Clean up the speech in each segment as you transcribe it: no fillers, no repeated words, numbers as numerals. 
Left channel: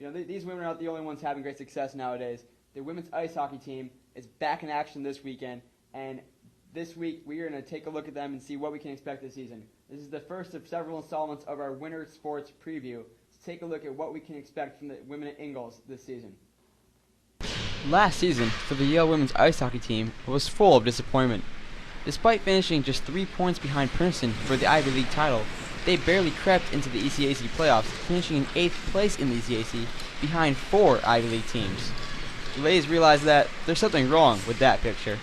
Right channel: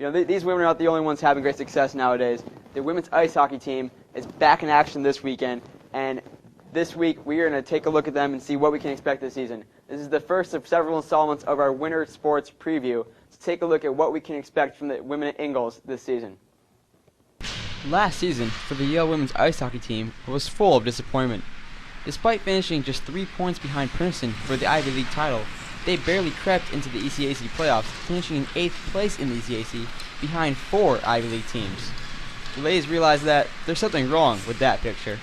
These women are not the only ones having great success nowadays. The women's ice hockey team is back in action this weekend, and this week we are going to take a look at them and see what we can expect this season. This is the first of several installments of our winter sports preview to take a look at what we can expect from the women at Ingalls this season. Last season, for the Yale women's ice hockey team, was full of disappointment. Despite finishing just 3 points behind Princeton for the Ivy League title, they barely crept into the ECAC playoffs, finishing in 8th place in the ECAC, behind 4 Ivy League teams. The ladies realized that there's something wrong with that picture.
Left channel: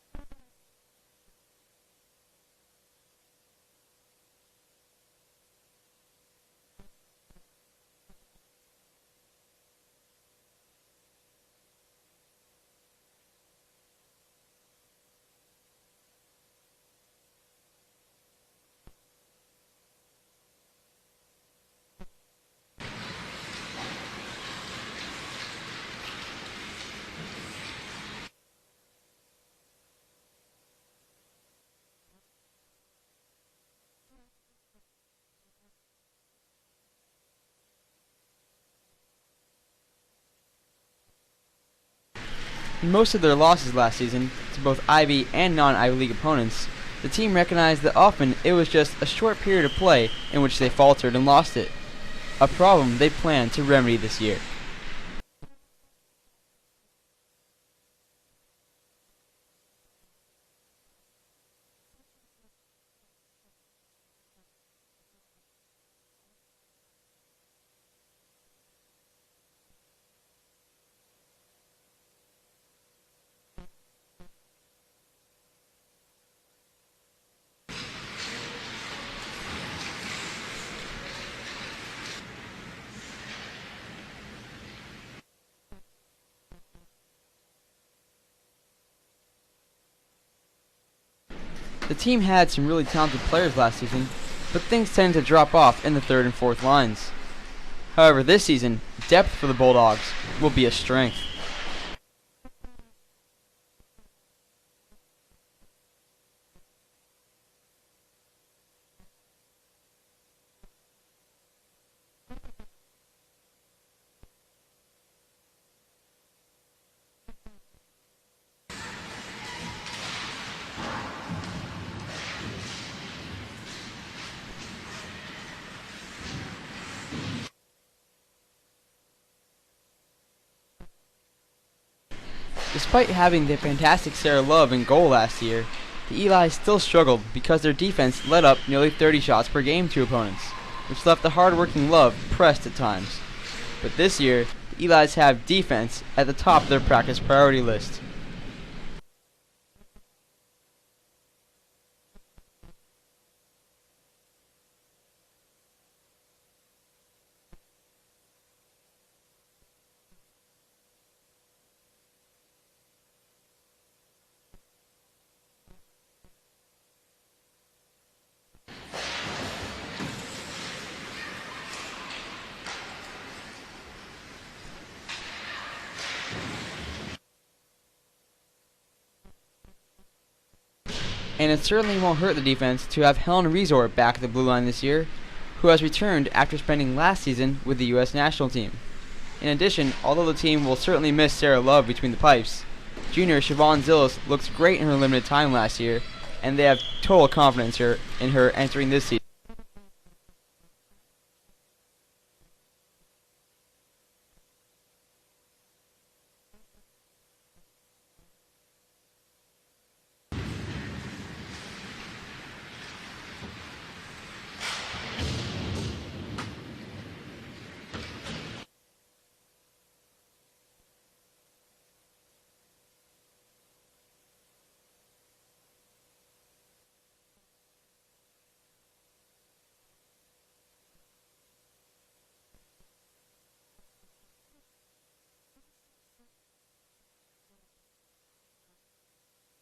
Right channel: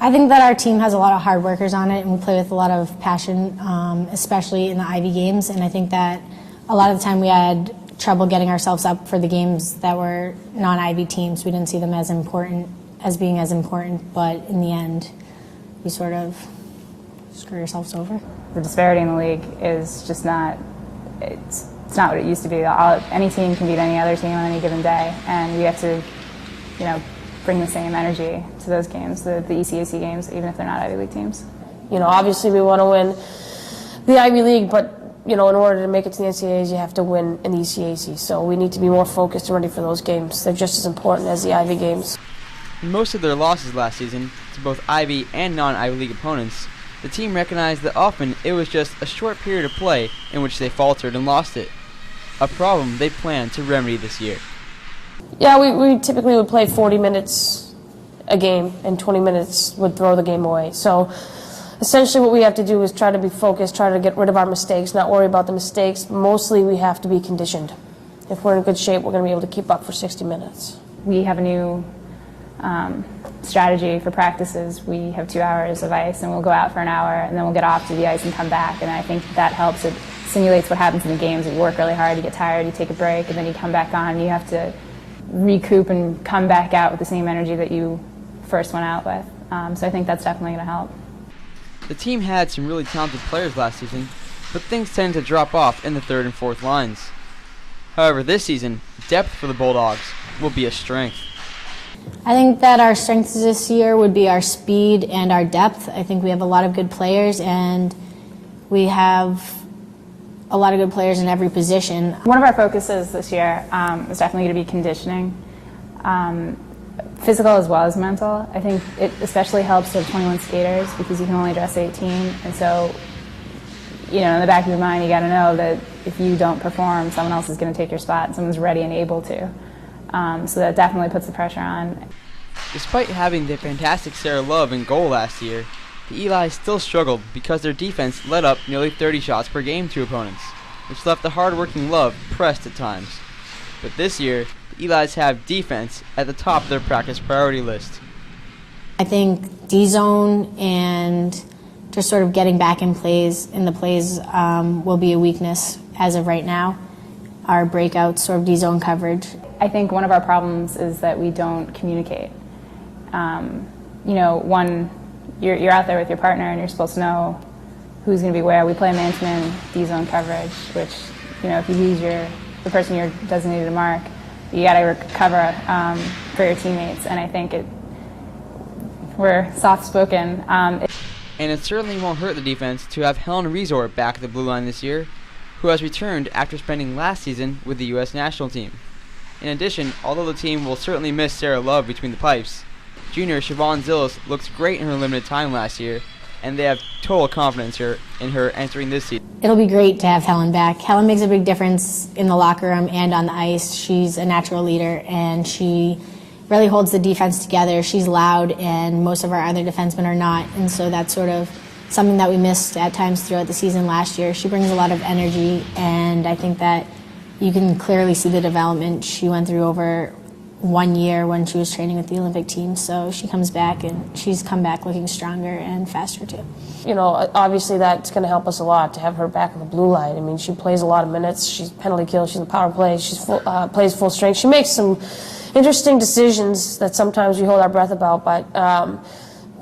I think that our team has a lot of hard workers on it, and we play with a lot of passion, especially in the Ivy games, and I think that a lot of the time we had trouble getting ourselves up for the games that were non-Ivy teams. We didn't see them as being as important, but in the end, we sort of screw ourselves over. The disparity in the league is just not, it's not what it used to be. Any team can beat any other team on any given day, and we have to, bring the same energy to those games, the ECAC games, even if they're not Ivy League teams. Obviously we want to win the Ivy League, but in order to make it to the NCAAs, you have to win in the ECAC. So we need to be more focused and ready for those games. They're just as important as the Ivy games. In most of their losses last season, to both Ivy and non-Ivy League opponents, the team recognized that often it was just a short period of play in which they faltered and lost it, a problem they plan to remedy this year. Yeah, we typically would play 40 minutes a game, and 20 minutes would throw the game away. So essentially what we have to do is try to be focused, try to get rid of our mistakes, not worry about the mistakes. Mostly we have to be conditioned. If we're in good shape, we're going to be able to keep up for 60 minutes. We have a new strategy for practices. We have 2 hours of ice, and we'll go out for an hour, and then we'll get off to the ice and come back. And I think that helps. It simulates what happens in the games. You work really hard, you get tired, you take a break, and then you come back on. You have to recoup and come back out with the same energy that you first went out with. So I think that's definitely going to help. The team had some really talented players last season, but things tended to drop off in the 3rd and 4th lines. However, this season, depth for the Bulldogs will be a strength. I think that our strengths this year would be our speed and our depth. I think we have a lot of good players, and we have a lot of good players in every position. One of our focuses this year is definitely going to be conditioning, physical as well as mental. I think it especially helps to have 21 skaters because you can only dress 18, and so in the back of your mind you got to know that if you don't perform, someone else is going to take your spot, and someone's ready and able to. So that definitely puts the pressure on. Despite having the fantastic Sarah Love in goal last year, the Eli's still struggled because their defense let up nearly 30 shots per game to opponents, which left the hard-working Love pressed at times. But this year, the Eli's have defense at the top of their practice priority list. I think D-zone and just sort of getting back in the plays will be a weakness as of right now. Our breakouts, sort of D-zone coverage. I think one of our problems is that we don't communicate. You're out there with your partner and you're supposed to know who's going to be where. We play man-to-man D-zone coverage, which, if you lose the person you're designated to mark, you got to recover for your teammates. And I think we're soft-spoken. And it certainly won't hurt the defense to have Helen Resort back at the blue line this year, who has returned after spending last season with the U.S. national team. In addition, although the team will certainly miss Sarah Love between the pipes, junior Siobhan Zillis looked great in her limited time last year, and they have total confidence in her entering this season. It'll be great to have Helen back. Helen makes a big difference in the locker room and on the ice. She's a natural leader, and she really holds the defense together. She's loud, and most of our other defensemen are not, and so that's sort of something that we missed at times throughout the season last year. She brings a lot of energy, and I think that you can clearly see the development she went through over 1 year when she was training with the Olympic team. So she comes back, and she's come back looking stronger and faster too. Obviously that's going to help us a lot to have her back on the blue line. I mean, she plays a lot of minutes. She's penalty kill. She's in power play. She's plays full strength. She makes some interesting decisions that sometimes we hold our breath about, but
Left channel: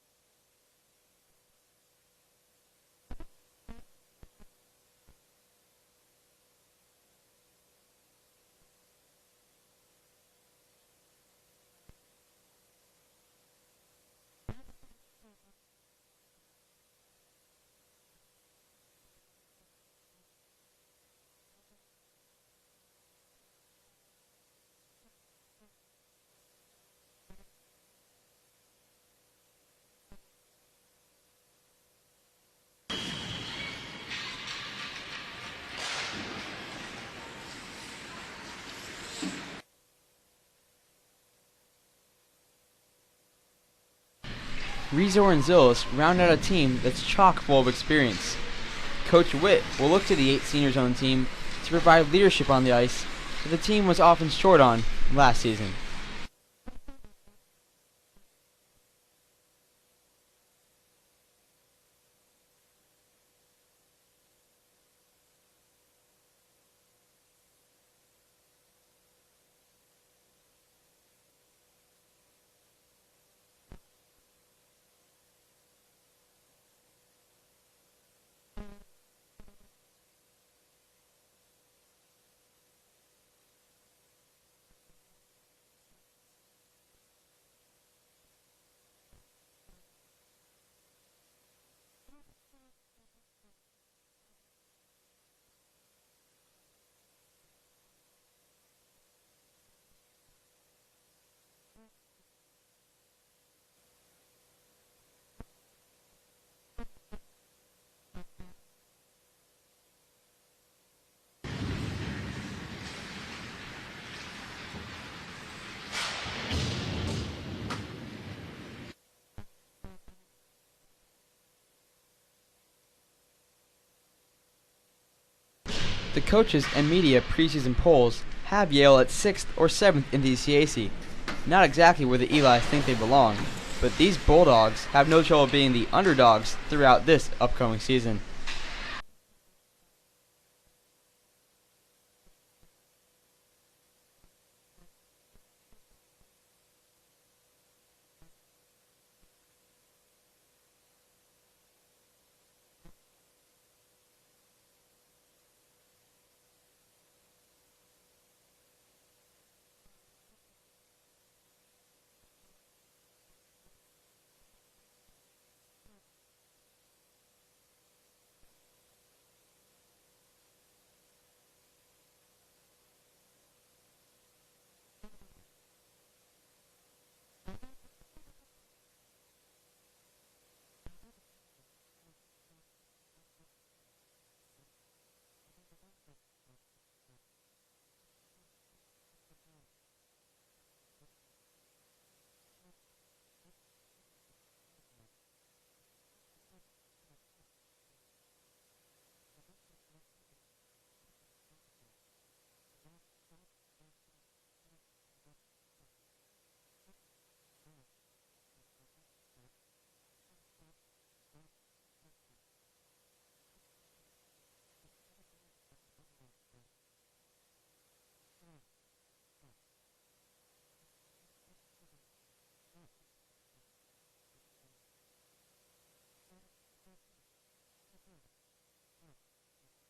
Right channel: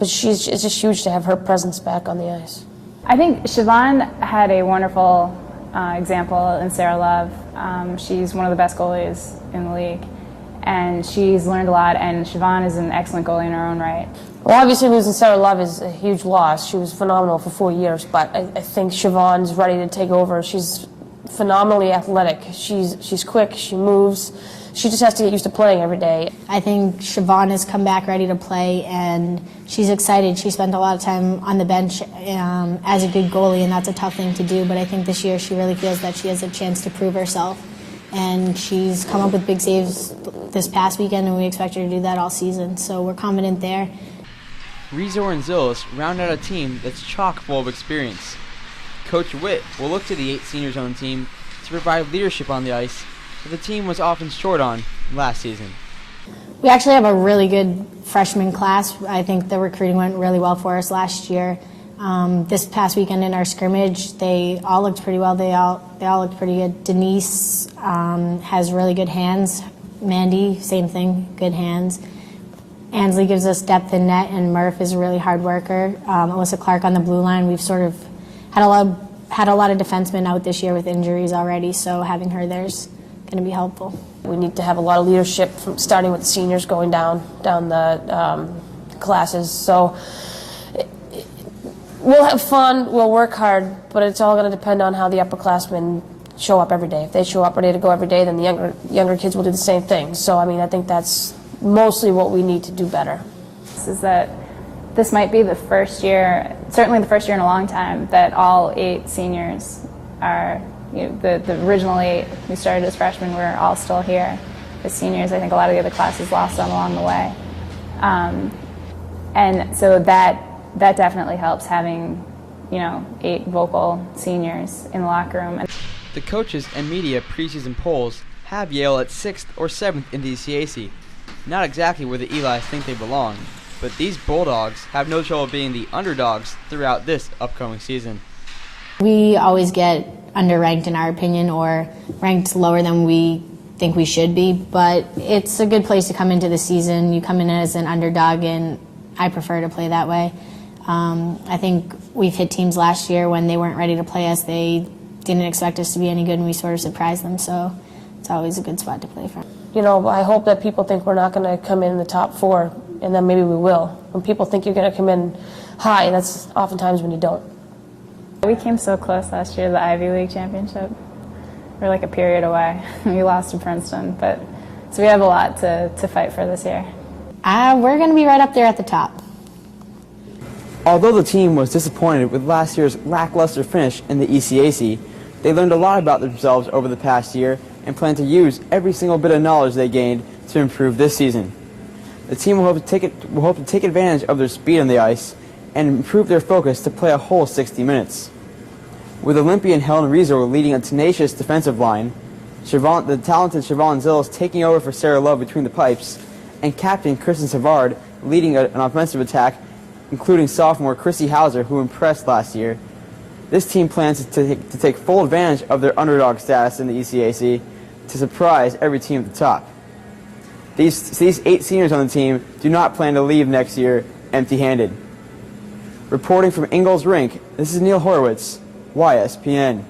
it's just huge to have her presence back on the ice. I think Siobhan had a wonderful example in Sarah Love. She's one of the best goalies in the league, and she's learned a lot, and Siobhan is an excellent goalie in her own right. Well, obviously losing Sarah Love is a huge loss. She was phenomenal for 4 years, but I think Siobhan's ready to take over. She's phenomenally athletic. She's quick, she moves. She just has to get used to playing every day. I think Siobhan has come back ready to play, and she's excited. She spent a lot of time on the bench as a good goalie, and that's a tough thing to do, but I think this year she really feels that she has a chance to prove herself. And she's come up with big saves this past weekend, and we expect her to do that all season, so we're confident there. Rezor and Zillis round out a team that's chock full of experience. Coach Witt will look to the 8 seniors on the team to provide leadership on the ice that the team was often short on last season. We actually have a really good freshman class. I think the recruiting went really well for us last year. This past weekend in our scrimmage, they all looked pretty well. They all looked pretty good. Denise has really good hands. Mandy, same thing, good hands. Ansley gives us depth in net, and Murph is a really hard worker. Alyssa Clark on the blue line. We've sort of had a lot of defensemen out this year with injuries already, so having her there's going to be helpful. We need to have a lot of leadership, from starting with the seniors going down the classes. So we'll have fun, we'll work hard, but it's all going to depend on how the upperclassmen show up every day. If they show up ready to go every day, then the younger kids will do the same thing. So I mean, I think that's mostly what we need to do better. Is that this might be the first year, certainly the first year in a long time, that all 8 seniors are, the original 8 who started as freshmen were all still here as seniors. I think a lot of the other classes lost them along the way. And so that definitely helps, having 8 vocal seniors in the locker room. The coaches and media preseason polls have Yale at 6th or 7th in the ECAC. Not exactly where the Elis think they belong, but these Bulldogs have no trouble being the underdogs throughout this upcoming season. We always get underranked in our opinion, or ranked lower than we think we should be, but it's a good place to come into the season. You come in as an underdog, and I prefer to play that way. I think we've hit teams last year when they weren't ready to play us. They didn't expect us to be any good, and we sort of surprised them, so it's always a good spot to play from. I hope that people think we're not going to come in the top 4, and then maybe we will. When people think you're going to come in high, that's oftentimes when you don't. We came so close last year to the Ivy League championship. We're like a period away. We lost to Princeton, so we have a lot to fight for this year. We're going to be right up there at the top. Although the team was disappointed with last year's lackluster finish in the ECAC, they learned a lot about themselves over the past year and plan to use every single bit of knowledge they gained to improve this season. The team will hope to take advantage of their speed on the ice and improve their focus to play a whole 60 minutes. With Olympian Helen Rezor leading a tenacious defensive line, the talented Siobhan Zillis taking over for Sarah Love between the pipes, and captain Kristen Savard leading an offensive attack, including sophomore Chrissy Hauser, who impressed last year. This team plans to take full advantage of their underdog status in the ECAC to surprise every team at the top. These 8 seniors on the team do not plan to leave next year empty-handed. Reporting from Ingalls Rink, this is Neil Horowitz, YSPN.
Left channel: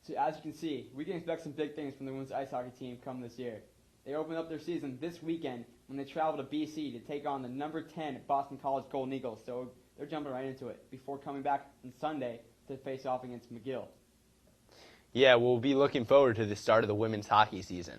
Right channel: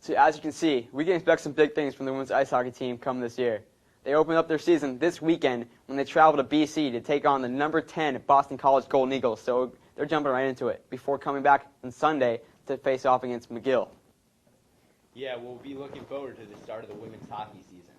So as you can see, we can expect some big things from the women's ice hockey team come this year. They open up their season this weekend when they travel to BC to take on the number 10 Boston College Golden Eagles, so they're jumping right into it before coming back on Sunday to face off against McGill. Yeah, we'll be looking forward to the start of the women's hockey season.